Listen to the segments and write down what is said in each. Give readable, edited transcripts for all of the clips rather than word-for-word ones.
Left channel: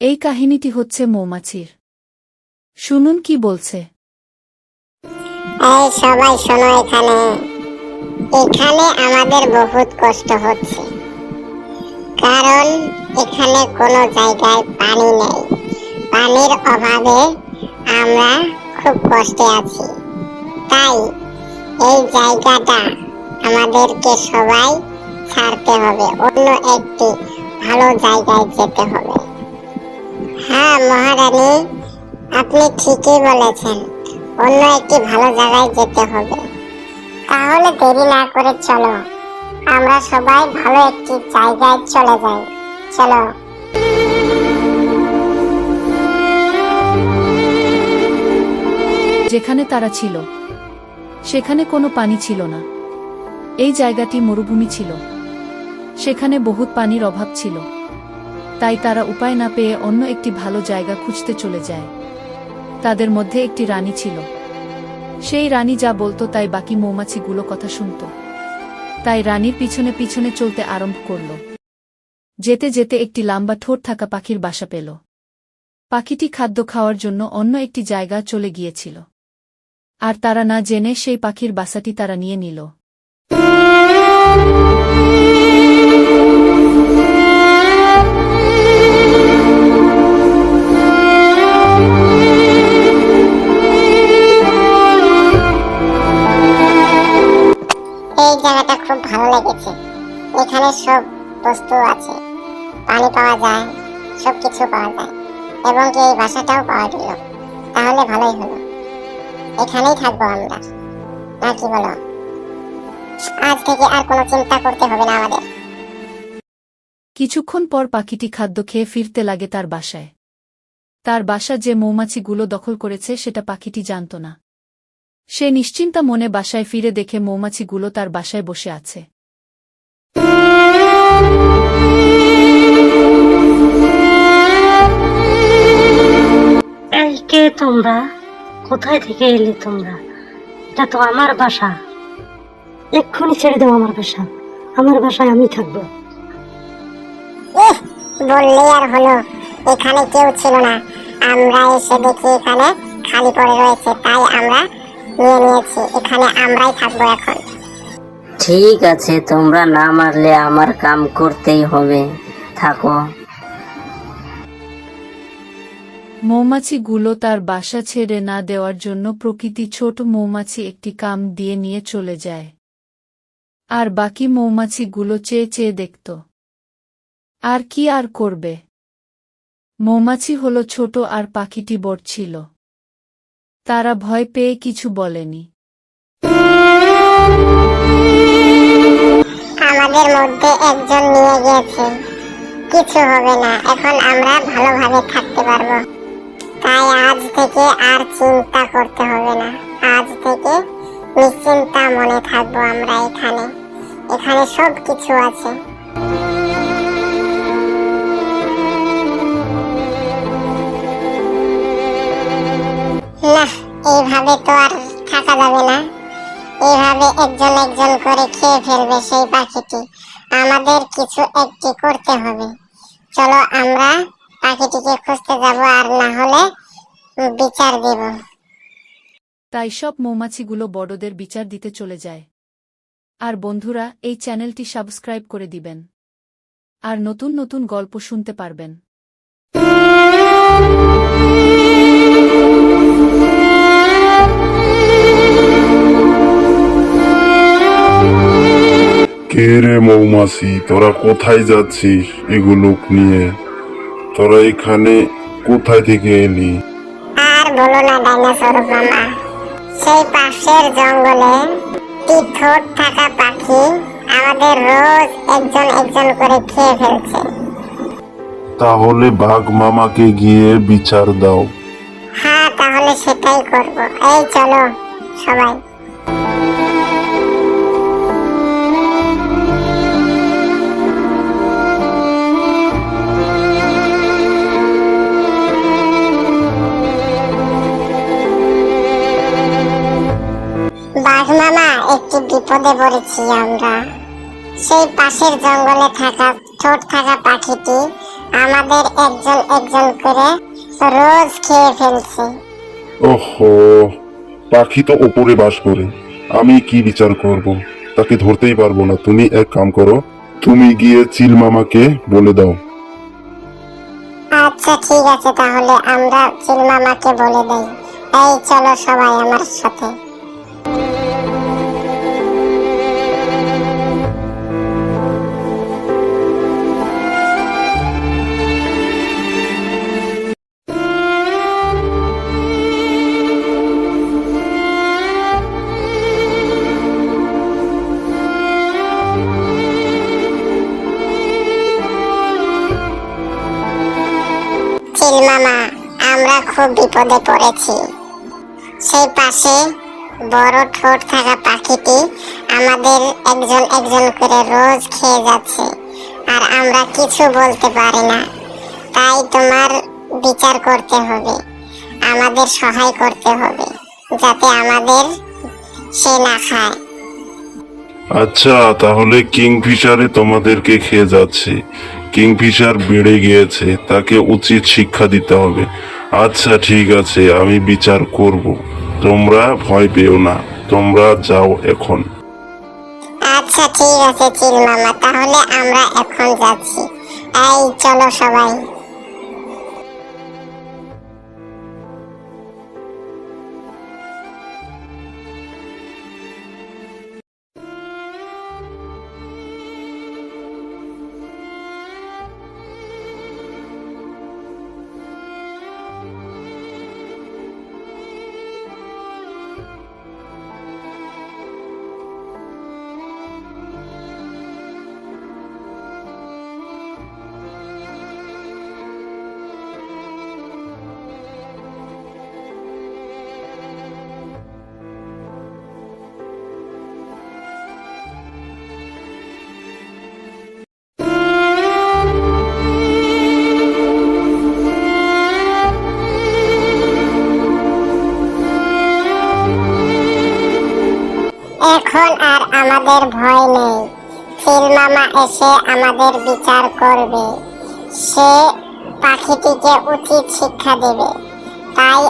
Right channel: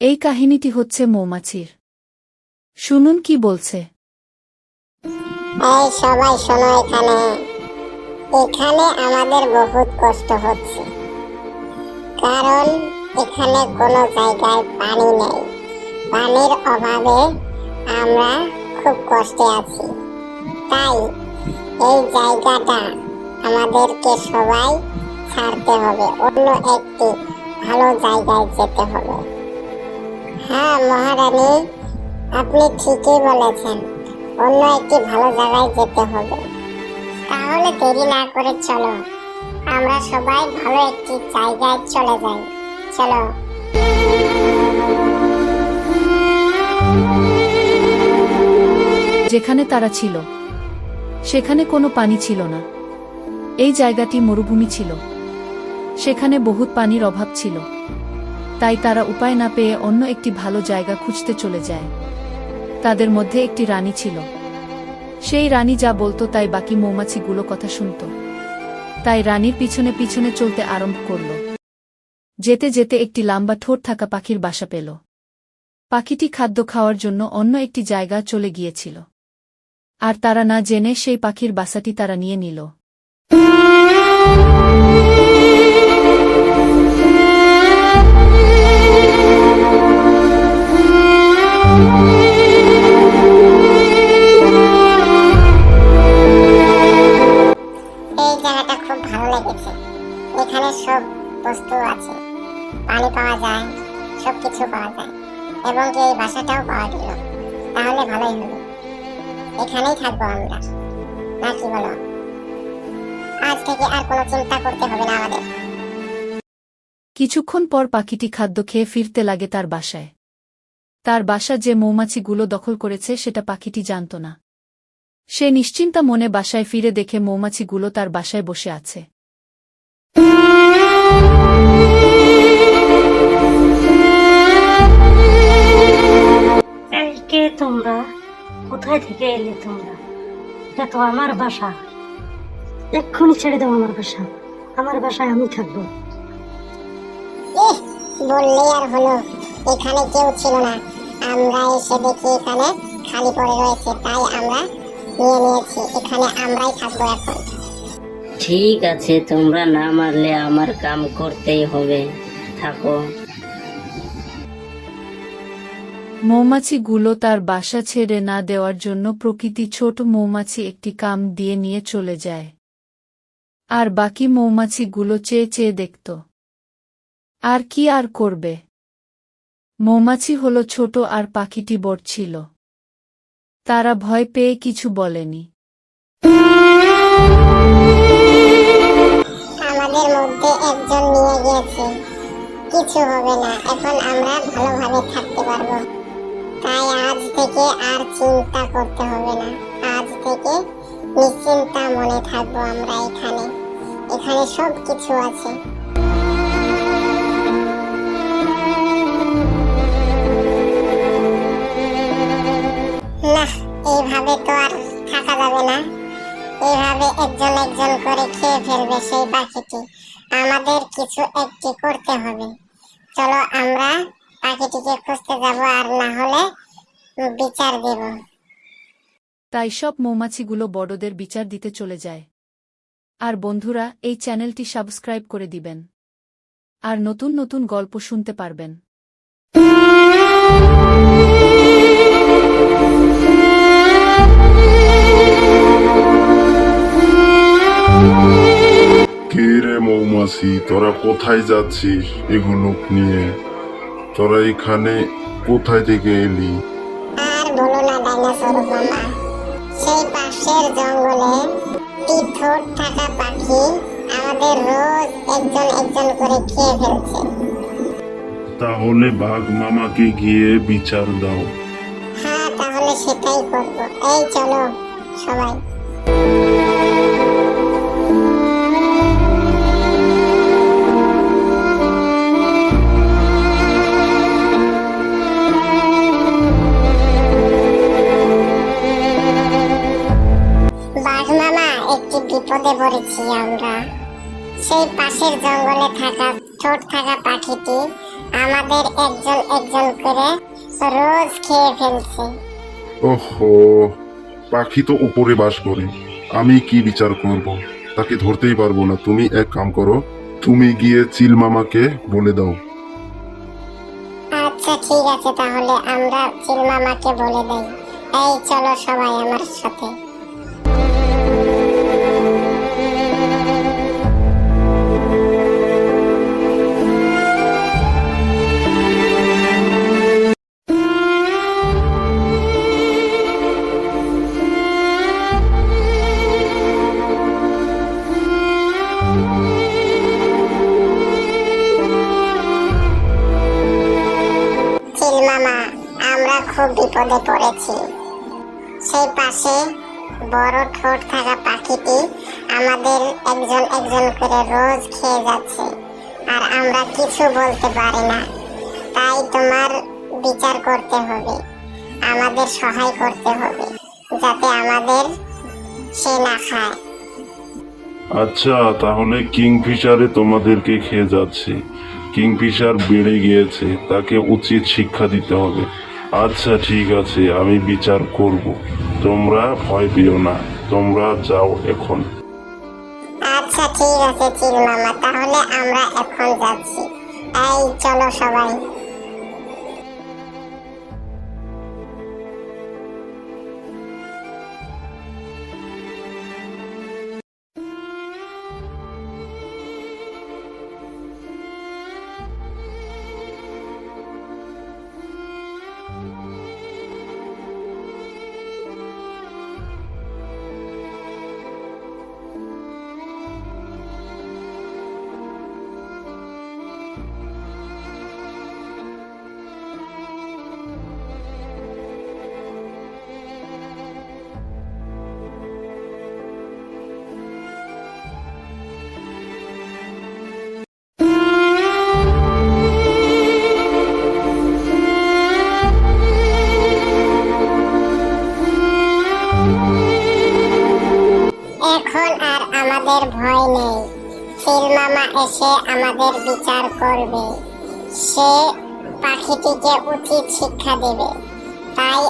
এই কাহিনীটি হচ্ছে মৌমাছির। শুনুন কি বলছে। এই সবাই শোনো, এখানে এখানে আমাদের বহুত কষ্ট হচ্ছে, কারণ এখানে কোনো জায়গায় পানি নেই। পানির অভাবে আমরা খুব কষ্টে আছি। তাই এই জায়গাটা আমাদেরকে সবাই ছাড়তে হবে, অন্য একটি ভালো জায়গায় যেতে হবে। হ্যাঁ মহারানী, আপনি ঠিকই বলেছেন, অন্য একটি ভালো জায়গায় যেতে হবে। তাহলে দেরি না করে চলো, আমরা সবাই ভালো একটি জায়গায় চলে যাই। চলো। যেখানে তারা ছিল সেখানে কোনো পানি ছিল না। এই জায়গাটি মরুভূমি ছিল, সেখানে বহুত পানির অভাব ছিল। তাই তারা উপায় না পেয়ে অন্য একটি ভালো জায়গা খুঁজতে চলে যায়। তাদের মধ্যে একটি রানী ছিল। সেই রানী যা বলতো তাই বাকি মৌমাছিগুলো কথা শুনত। তাই রানীর পিছনে পিছনে চলতে আরম্ভ করল। যেতে যেতে একটি লম্বা ঠোঁট থাকা পাখির বাসা পেল। পাখিটি খাদ্য খাওয়ার জন্য অন্য একটি জায়গা চলে গিয়েছিল, আর তারা না জেনে সেই পাখির বাসাটি তারা নিয়ে নিল। এই জায়গাটা খুব ভালো লেগেছে, এখানে সব বস্তু আছে, পানি পাওয়া যায়, সবকিছু পাওয়া যায়, এবং কি এই বাসাটাও পাওয়া গেল। তাহলে ভালোই হলো, এখানেই থাকবো আমরা, নাকি বলো? আজ থেকে আর কোনো চিন্তা করতে হবে না আমাদের। কিছুক্ষণ পর পাখিটি খাদ্য খেয়ে ফিরতে লাগে তার বাসায়। তার বাসা যে মৌমাছিগুলো দখল করেছে সেটা পাখিটি জানত না। সে নিশ্চিন্তা মনে বাসায় ফিরে দেখে মৌমাছিগুলো তার বাসায় বসে আছে। এই কে তোমরা? কোথায় থেকে এলে তোমরা? এটা তো আমার বাসা। এক্ষুনি ছেড়ে দাও আমার বাসা। আমার বাসায় আমি থাকবো। বললে আর হলো, এখানে কেউ ছিল না, আমরা এসে দেখি এখানে খালি পড়ে রয়েছে, তাই আমরা নিয়ে নিয়েছি, এখানে আমরাই থাকবো এখন। ঠিক আছে, তোমরা না মারলে আমার কাম করতেই হবে, থাকো। মৌমাছিগুলো তার বাসা ছেড়ে না দেওয়ার জন্য প্রকৃতি ছোট মৌমাছি একটি কাম দিয়ে নিয়ে চলে যায়। আর বাকি মৌমাছিগুলো চেয়ে চেয়ে দেখত। আর কি আর করবে? মৌমাছি হলো ছোট আর পাখিটি বড় ছিল। তারা ভয় পেয়ে কিছু বলেনি। আমাদের মধ্যে একজন নিয়ে গেছে, কিছু হবে না, এখন আমরা ভালোভাবে থাকতে পারবো। তাই আজ থেকে আর চিন্তা করতে হবে না, আজ থেকে নিশ্চিন্তা মনে থাকবো আমরা এখানে, এখানে সব কিছু আছে। না, এইভাবে তো আর থাকা যাবে না, এইভাবে একজন একজন করে খেয়ে ফেলবে সেই পাখিটি। আমাদের কিছু একটি করতে হবে। চলো আমরা পাখিটিকে খুঁজতে যাব, আর না হলে বিচার দেব। তাই সব মৌমাছিগুলো বড়দের বিচার দিতে চলে যায়। আর বন্ধুরা, এই চ্যানেলটি সাবস্ক্রাইব করে দিবেন, আর নতুন নতুন গল্প শুনতে পারবেন। কে রে মৌমাছি, তোরা কোথায় যাচ্ছিস এগুলো নিয়ে? তোরা এখানে কোথায় থেকে এলি? আর বলো না ডাইনোসর মামা, সেই পাশের জঙ্গলে একটি ঠোঁট থাকা পাখি আমাদের রোজ একজন একজন করে খেয়ে ফেলছে। তাহলে বাঘ মামাকে গিয়ে বিচার দাও। হ্যাঁ, তাহলে সেটাই করব। এই চলো সবাই। বাঘ মামা, একটি বিপদে পড়েছি আমরা। সেই পাশের জঙ্গলে থাকা ঠোঁট থাকা পাখিটি আমাদের একজন একজন করে রোজ খেয়ে ফেলছে। ওহো, পাখি তো ওপরে বাস করে, আমি কি বিচার করব? তাকে ধরতেই পারবো না। তুমি এক কাম করো, তুমি গিয়ে চিল মামাকে বলে দাও। আচ্ছা ঠিক আছে, তাহলে আমরা চিল মামাকে বলে দেই। এই চলো সবাই আমার সাথে। চিল মামা, আমরা খুব বিপদে পড়েছি। সেই পাশে বড় ঠোঁট থাকা পাখিটি আমাদের একজন একজন করে রোজ খেয়ে যাচ্ছে, আর আমরা কিছু বলতে পারি না। তাই তোমার বিচার করতে হবে, আমাদের সহায় করতে হবে, যাতে আমাদের সে না খায়। আচ্ছা, তাহলে কিংফিশারে তোমাদেরকে খেয়ে যাচ্ছে। কিংফিশার বেড়ে গিয়েছে, তাকে উচিত শিক্ষা দিতে হবে। আচ্ছা ঠিক আছে, আমি বিচার করব। তোমরা ভয় পেও না, তোমরা যাও এখন। আচ্ছা ঠিক আছে চিল মামা, তাহলে আমরা এখন যাচ্ছি। এই চলো সবাই। এখন আর আমাদের ভয় নেই। চিল মামা এসে আমাদের বিচার করবে, সে পাখিটিকে উচিত শিক্ষা দেবে। তাই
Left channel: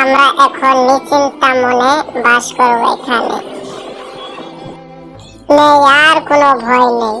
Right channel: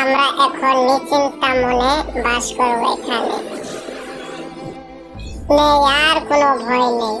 আমরা এখন নিশ্চিন্তা মনে বাস করব এখানে। নেই আর কোনো ভয় নেই।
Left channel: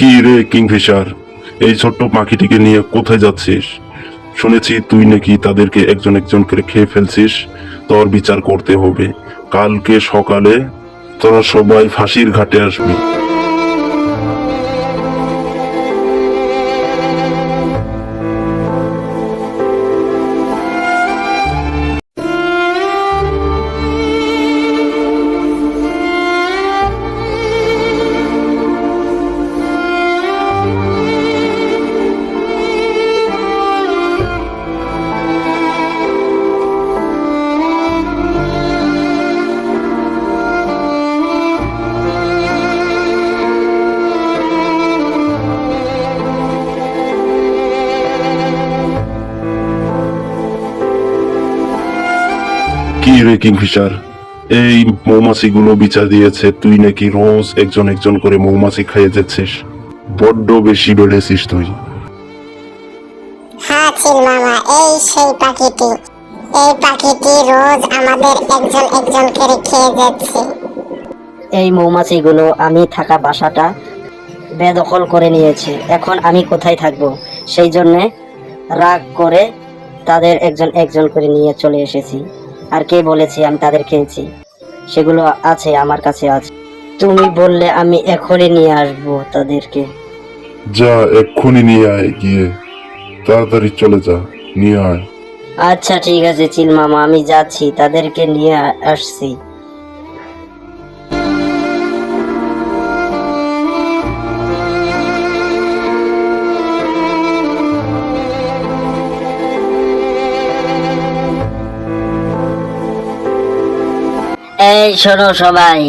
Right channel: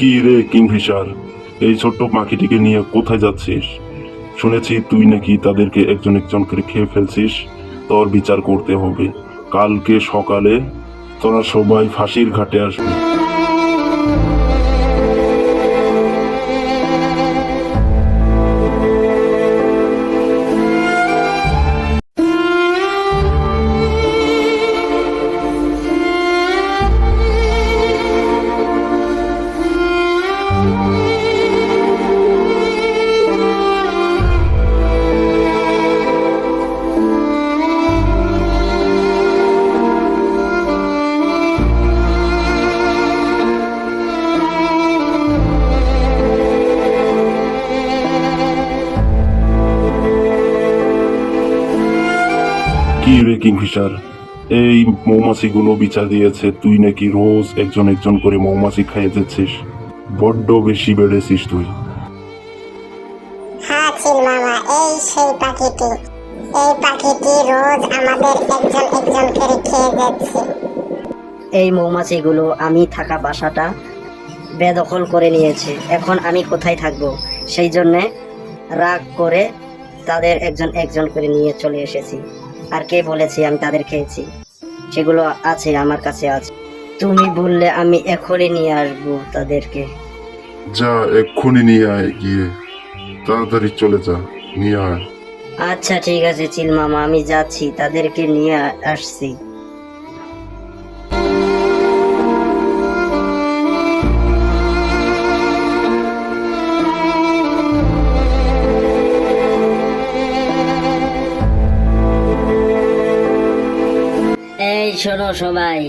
কি রে কিংফিশার, এই ছোট্ট পাখিটিকে নিয়ে কোথায় যাচ্ছিস? শুনেছি তুই নাকি তাদেরকে একজন একজন করে খেয়ে ফেলছিস। তোর বিচার করতে হবে। কালকে সকালে তোরা সবাই ফাঁসির ঘাটে আসবি। কি রে কিংফিশার, এই মৌমাছিগুলো বিচার দিয়েছে তুই নাকি রোজ একজন একজন করে মৌমাছি খাইয়ে যাচ্ছিস। বড্ড বেশি বেড়েছিস তুই। হ্যাঁ চিল মামা, এই সেই পাখিটি। এই পাখিটি রোজ আমাদের একজন একজন করে খেয়ে যাচ্ছে। এই মৌমাছিগুলো আমি থাকা বাসাটা বেদখল করে নিয়েছে। এখন আমি কোথায় থাকবো? সেই জন্যে রাগ করে তাদের একজন একজন করে নিয়ে চলে এসেছি। আর কে বলেছে আমি তাদের খেয়েছি? সেগুলো আছে, আমার কাছে আছে। তুমি বললে আমি এখনই নিয়ে আসবো তাদেরকে। যা, এক্ষুনি নিয়ে আয়, গিয়ে তাড়াতাড়ি চলে যা, নিয়ে আয়। আচ্ছা ঠিক আছে চিল মামা, আমি যাচ্ছি, তাদেরকে নিয়ে আসছি। এই শোনো সবাই,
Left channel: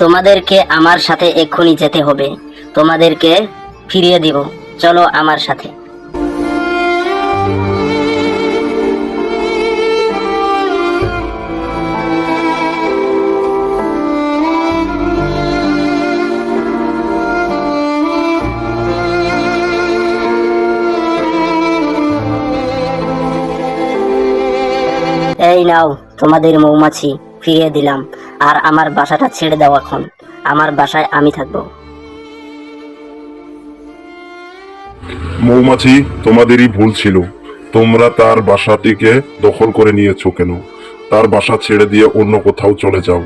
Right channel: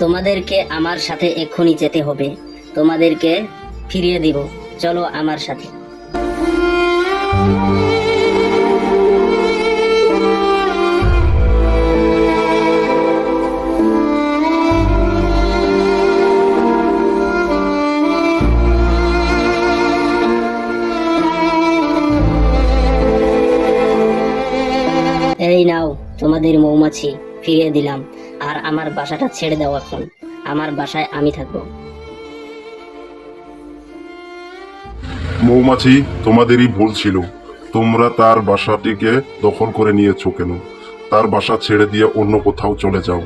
তোমাদেরকে আমার সাথে এক্ষুনি যেতে হবে, তোমাদেরকে ফিরিয়ে দিব, চলো আমার সাথে। এই নাও তোমাদের মৌমাছি, ফিরিয়ে দিলাম। আর আমার বাসাটা ছেড়ে দাও, এখন আমার বাসায় আমি থাকবো। মৌমাছি, তোমাদেরই ভুল ছিল। তোমরা তার বাসাটিকে দখল করে নিয়েছো কেন? তার বাসা ছেড়ে দিয়ে অন্য কোথাও চলে যাও।